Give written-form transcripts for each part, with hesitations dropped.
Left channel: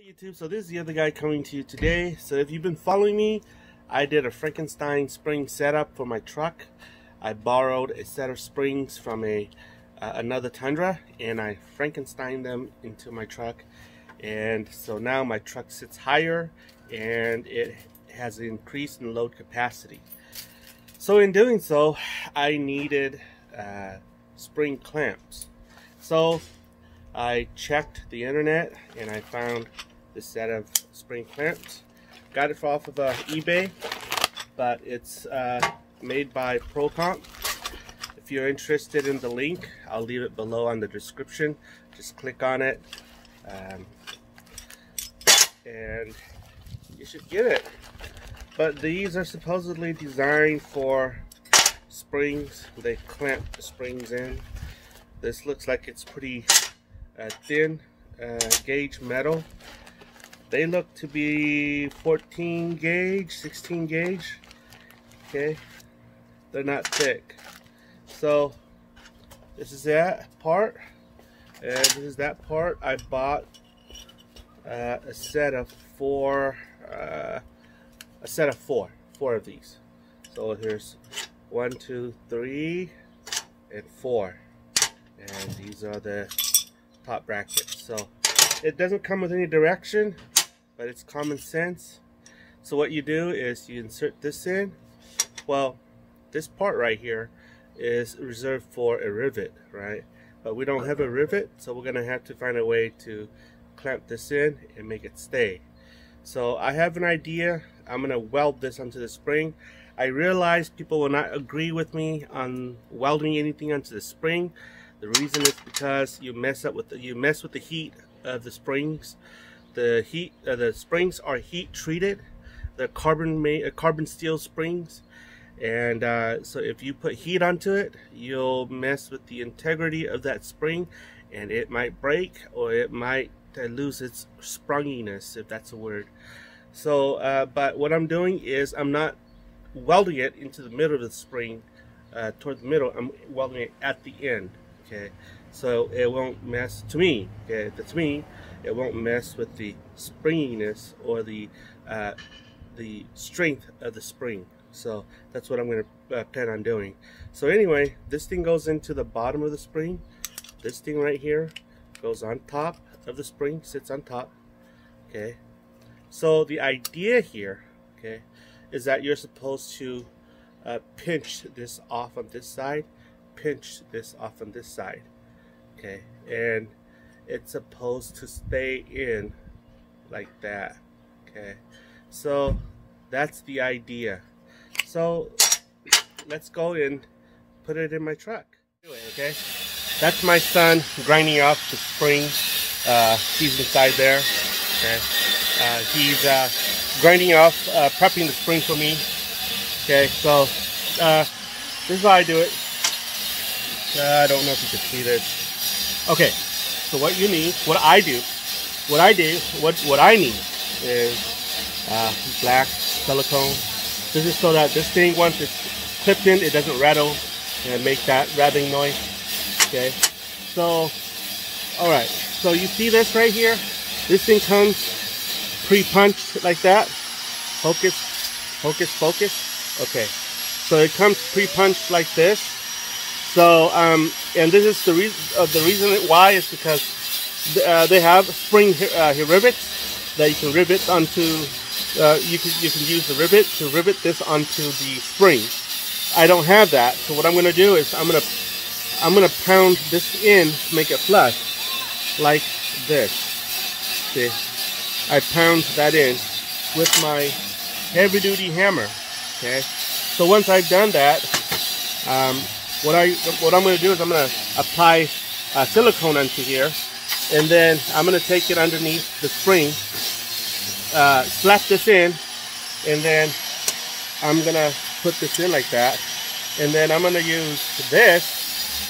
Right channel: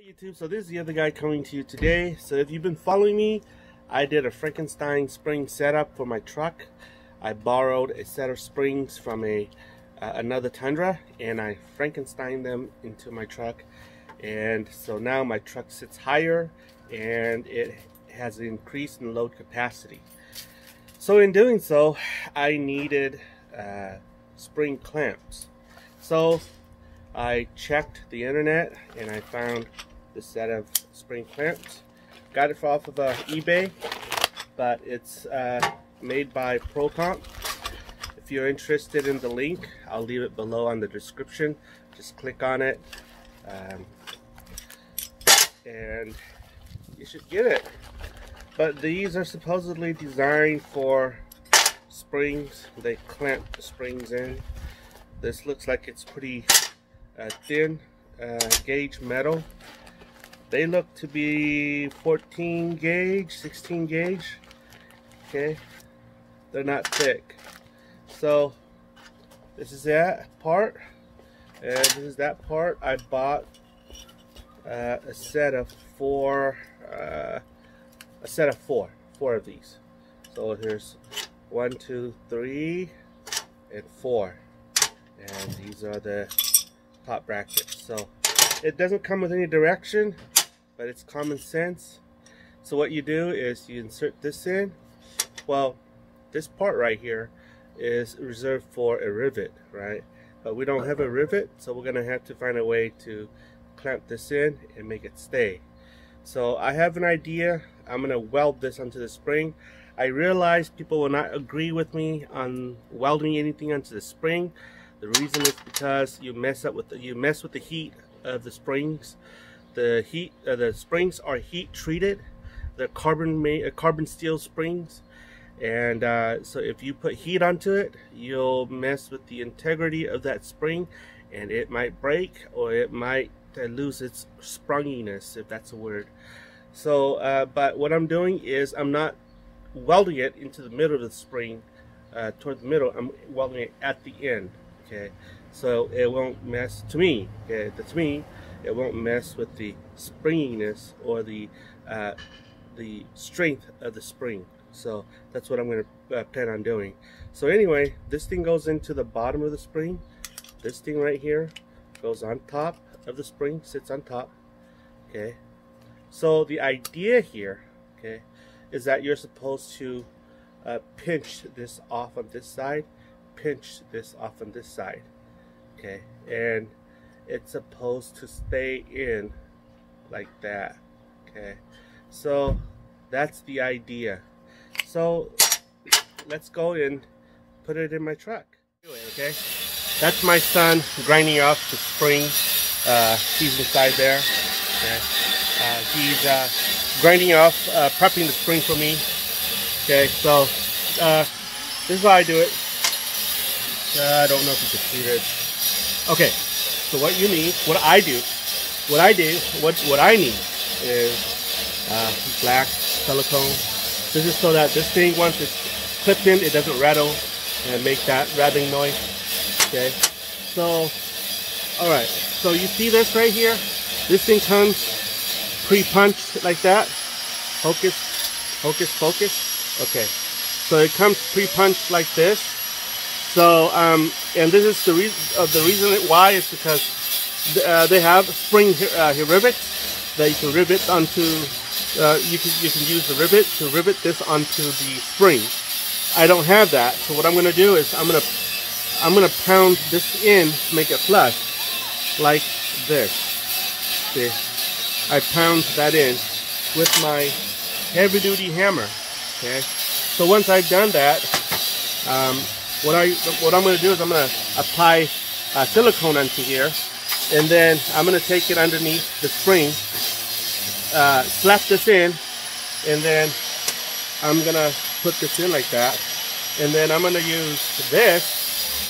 Hey YouTube, so this is the other guy coming to you today. So if you've been following me, I did a Frankenstein spring setup for my truck. I borrowed a set of springs from another Tundra, and I Frankensteined them into my truck. And so now my truck sits higher and it has an increase in load capacity. So in doing so, I needed spring clamps. So I checked the internet and I found this set of spring clamps. Got it off of eBay, but it's made by ProComp. If you're interested in the link, I'll leave it below on the description. Just click on it and you should get it. But these are supposedly designed for springs. They clamp the springs in. This looks like it's pretty thin gauge metal. They look to be 14 gauge, 16 gauge. Okay, they're not thick. So this is that part, and this is that part. I bought a set of four of these. So here's 1, 2, 3, and 4, and these are the top brackets. So it doesn't come with any direction, but it's common sense. So what you do is you insert this in. Well, this part right here is reserved for a rivet, right? But we don't have a rivet, so we're gonna have to find a way to clamp this in and make it stay. So I have an idea. I'm gonna weld this onto the spring. I realize people will not agree with me on welding anything onto the spring. The reason is because you mess with the heat of the springs. The springs are heat treated. They're carbon steel springs, and so if you put heat onto it, you'll mess with the integrity of that spring, and it might break, or it might lose its sprunginess, if that's a word. So, but what I'm doing is I'm not welding it into the middle of the spring, toward the middle. I'm welding it at the end. Okay, so it won't mess, to me, okay, that's me, it won't mess with the springiness or the strength of the spring. So that's what I'm going to plan on doing. So anyway, this thing goes into the bottom of the spring. This thing right here goes on top of the spring, sits on top. Okay, so the idea here, okay, is that you're supposed to pinch this off on this side, pinch this off on this side, okay, and it's supposed to stay in like that. Okay, so that's the idea. So let's go and put it in my truck. Okay, that's my son grinding off the spring. He's inside there. Okay, he's grinding off, prepping the spring for me. Okay, so this is how I do it. I don't know if you can see this. Okay, so what you need, what I need is black silicone. This is so that this thing, once it's clipped in, it doesn't rattle and make that rattling noise. Okay, so alright, so you see this right here? This thing comes pre-punched like that. Focus, focus, focus. Okay, so it comes pre-punched like this. So, and this is the reason why is because they have spring rivets that you can rivet onto. You can use the rivet to rivet this onto the spring. I don't have that, so what I'm going to do is I'm going to pound this in to make it flush, like this. See, I pound that in with my heavy-duty hammer. Okay, so once I've done that, what I'm going to do is I'm going to apply silicone onto here, and then I'm going to take it underneath the spring, slap this in, and then I'm going to put this in like that, and then I'm going to use this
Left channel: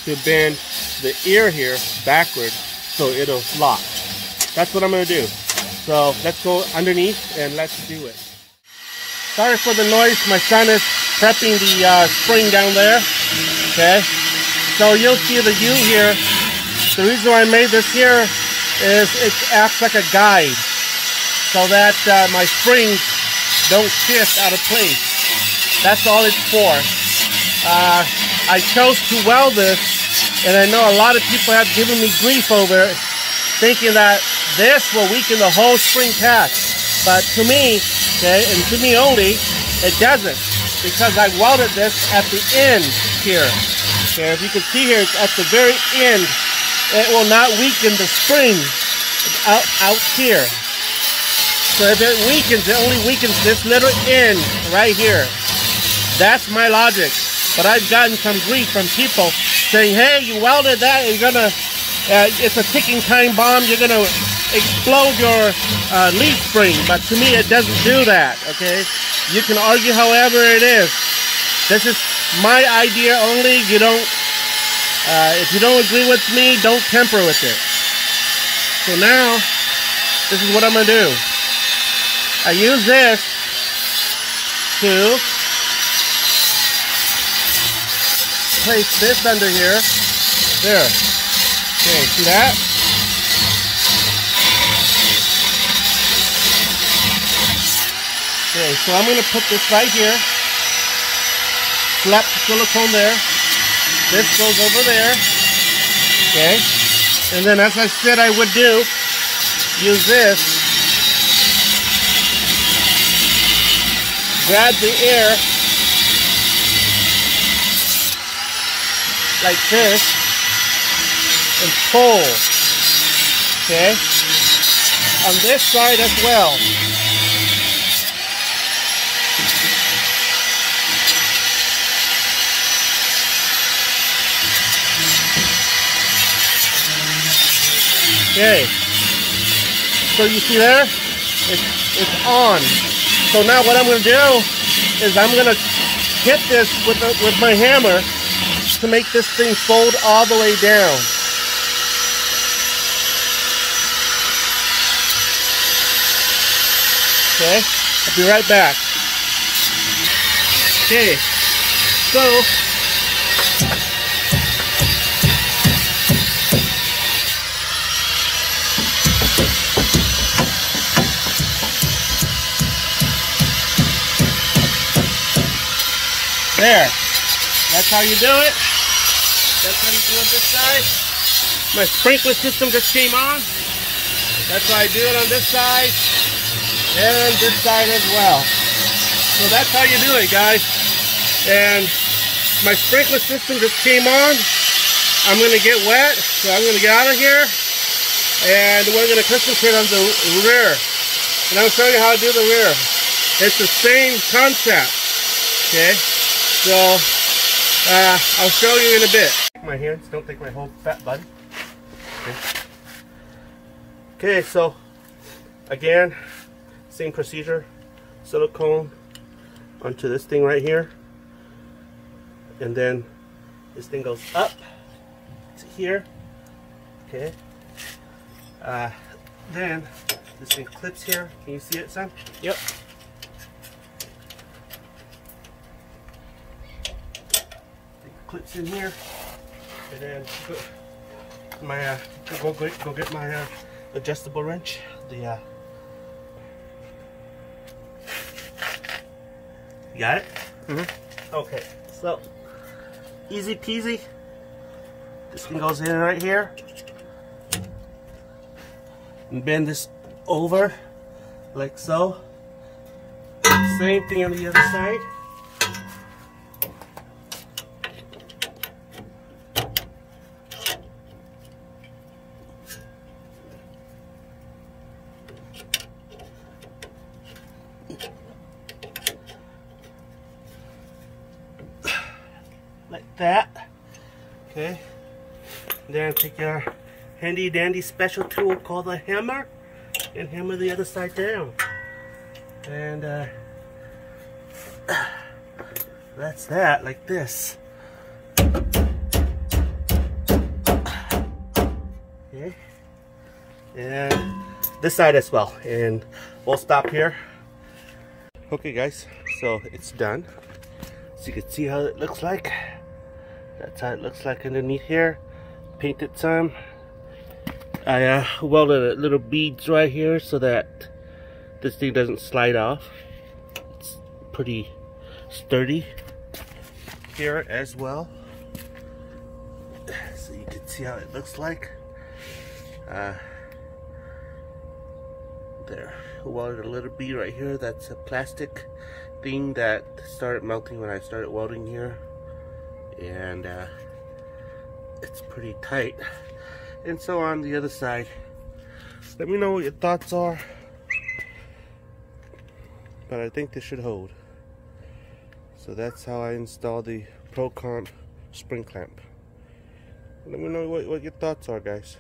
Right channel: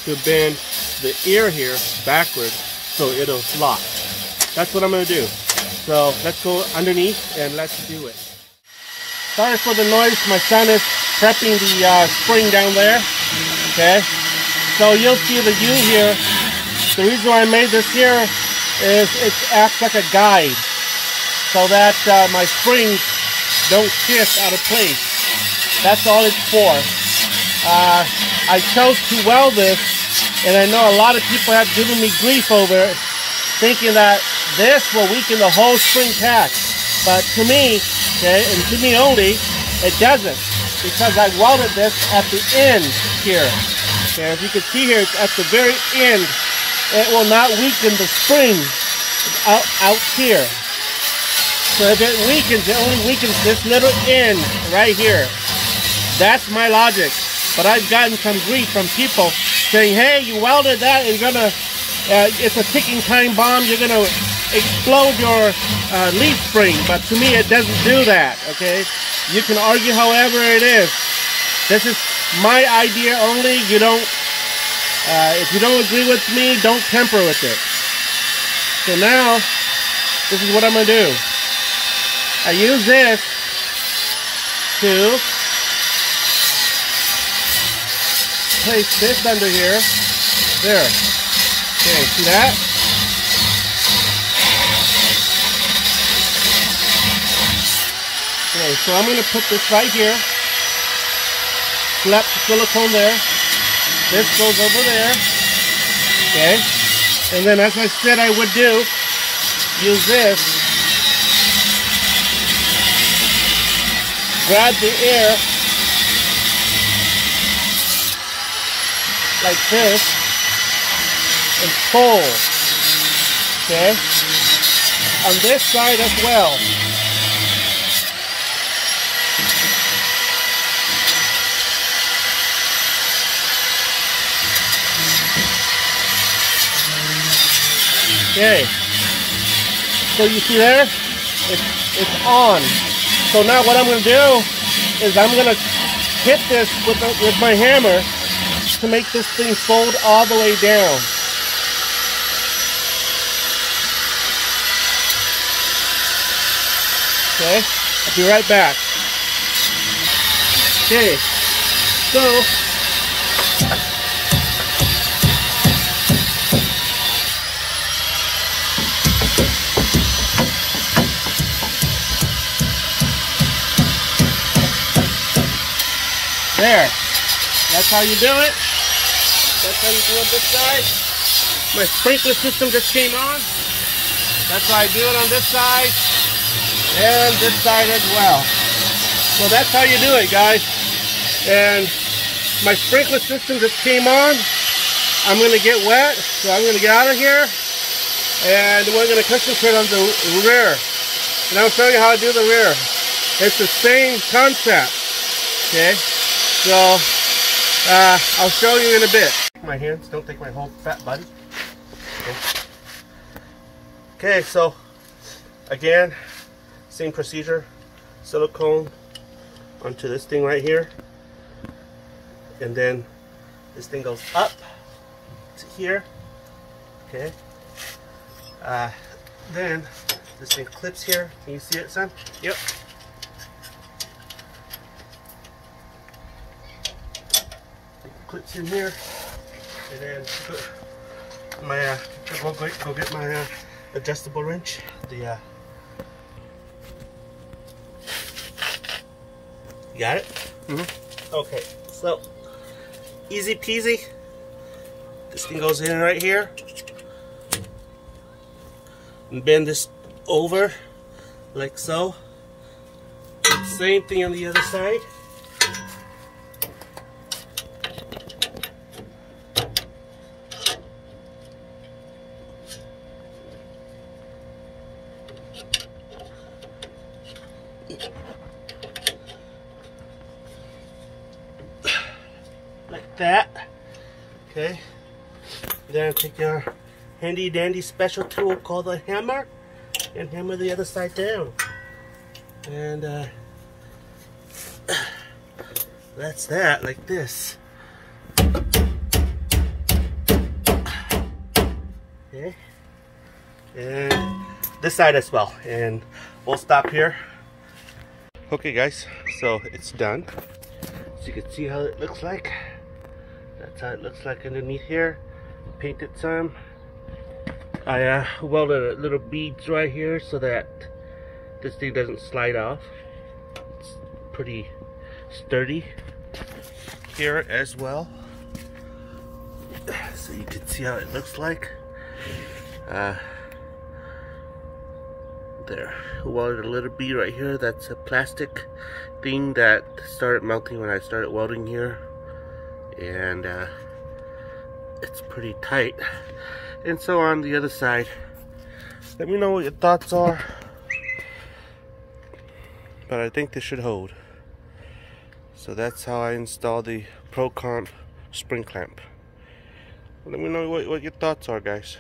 to bend the ear here backward so it'll lock. That's what I'm going to do. So let's go underneath and let's do it. Sorry for the noise. My son is prepping the spring down there. Okay, so you'll see the view here. The reason why I made this here is it acts like a guide. so that my springs don't shift out of place. That's all it's for. I chose to weld this, and I know a lot of people have given me grief over it, thinking that this will weaken the whole spring catch. But to me, okay, and to me only, it doesn't, because I welded this at the end here. Okay, if you can see here, it's at the very end. It will not weaken the spring out here. So if it weakens, it only weakens this little end right here. That's my logic. But I've gotten some grief from people saying, hey, you welded that, you're gonna, it's a ticking time bomb, you're gonna explode your leaf spring. But to me, it doesn't do that, okay? You can argue however it is. This is my idea only. You don't, if you don't agree with me, don't temper with it. So now, this is what I'm gonna do. I use this to place this under here. There. Okay, see that? Okay, so I'm going to put this right here. Slap the silicone there. This goes over there. Okay. And then, as I said I would do, use this. Grab the air like this and pull. Okay? On this side as well. Okay. So you see there? It's on. So now what I'm going to do is I'm going to hit this with my hammer to make this thing fold all the way down. Okay, I'll be right back. Okay, so there. That's how you do it. That's how you do it this side. My sprinkler system just came on. That's how I do it on this side. And this side as well. So that's how you do it, guys. And my sprinkler system just came on. I'm going to get wet. So I'm going to get out of here. And we're going to concentrate on the rear. And I'll show you how to do the rear. It's the same concept. Okay. So I'll show you in a bit. My hands, don't take my whole fat body. Okay, so again, same procedure. Silicone onto this thing right here, and then this thing goes up to here. Okay. Then this thing clips here. Can you see it, son? Yep. Clips in here, and then my go get my adjustable wrench. The you got it? Mm-hmm. Okay, so easy peasy. This thing goes in right here, and bend this over like so. Same thing on the other side. Like that. Okay. Then take your handy dandy special tool called a hammer and hammer the other side down. And that's that, like this. Okay. And this side as well. And we'll stop here. Okay guys, so it's done. So you can see how it looks like. That's how it looks like underneath here. Painted some. I welded little beads right here so that this thing doesn't slide off. It's pretty sturdy here as well. So you can see how it looks like. There, welded a little bit right here. That's a plastic thing that started melting when I started welding here, and it's pretty tight. And so on the other side, let me know what your thoughts are, but I think this should hold. So that's how I installed the ProComp spring clamp. Let me know what your thoughts are, guys.